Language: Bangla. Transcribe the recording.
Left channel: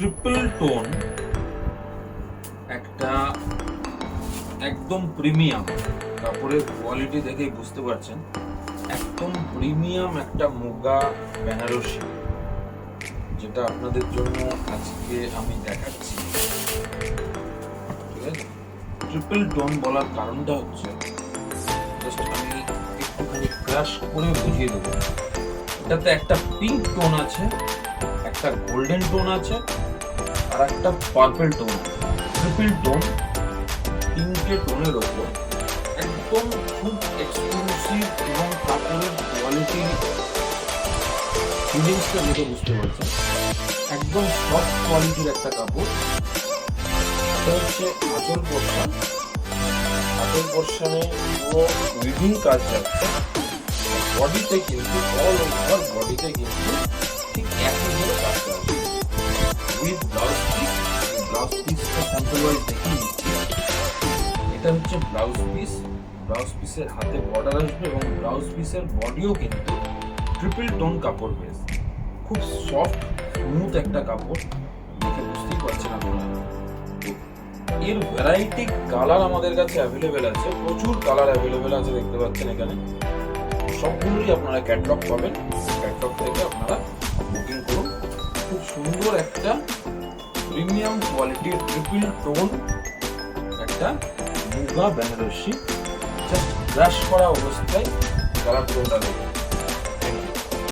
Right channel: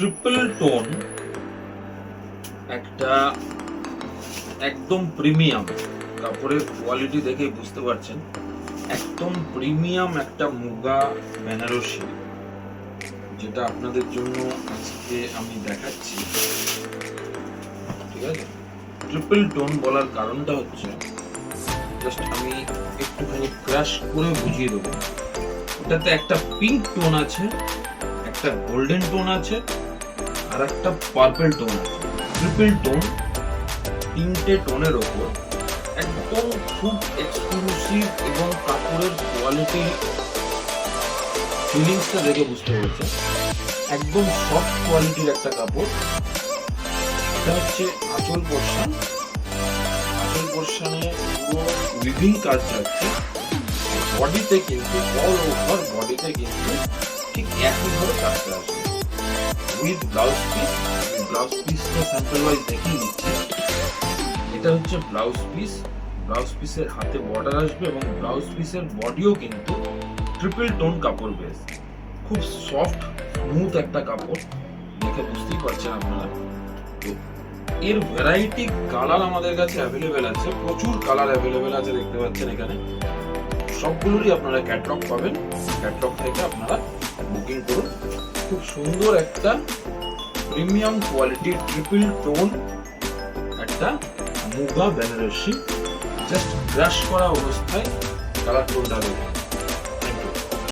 ট্রিপল টোন একটা একদম প্রিমিয়াম, কাপড়ের কোয়ালিটি দেখে বুঝতে পারছেন একদম প্রিমিয়াম একটা মুগা বেনারসি, যেটা আপনাদের জন্য আজকে আমি দেখাচ্ছি। ঠিক আছে, ট্রিপল টোন বলার কারণটা হচ্ছে জাস্ট আমি একটুখানি ক্রাশ করে বুঝিয়ে দেবো। এটাতে একটা পিঙ্ক টোন আছে, একটা গোল্ডেন টোন আছে, আর একটা পার্পল টোন আছে। ট্রিপল টোন, তিনটে টোনের ওপর একদম খুব এক্সক্লুসিভ এবং কাপড়ের কোয়ালিটি ফিলিংসটা দেখে বুঝতে পারছেন একদম সফট কোয়ালিটির একটা কাপড়। এটা হচ্ছে আঁচল পোর্শন, আঁচল পোর্শনে পুরো উইভিং কাজ যাচ্ছে। বডিতে কিন্তু অল ওভার বডিতে কিন্তু ঠিক একই ভাবে কাজটা আসবে উইথ ব্লাউজ পিস। ব্লাউজ পিসটা স্যাম্পল ওয়াইজ দেখিয়ে নিচ্ছি। এটা হচ্ছে ব্লাউজ পিস, ব্লাউজ পিসের হাতে বর্ডার আসবে এবং ব্লাউজ পিসের বডিও কিন্তু ট্রিপল টোন কাপড় বেস, খুব সফট স্মুথ একটা কাপড়, দেখে বুঝতেই পারছেন আপনারা। তো এর ভ্যারাইটি কালার আমাদের কাছে অ্যাভেলেবেল আছে, প্রচুর কালার অ্যাভেলেবেল আছে, দেখতে পাচ্ছেন এখানে সবগুলোরই আপনারা ক্যাটালগ পাবেন। ক্যাটালগ থেকে আপনারা বুকিং করুন। খুব সুন্দর একটা প্রিমিয়াম কোয়ালিটির ট্রিপল টোন একটা মুগা বেনারসি, জাস্ট ব্রাশ করা অবস্থায় কালার টোনটা দেখুন।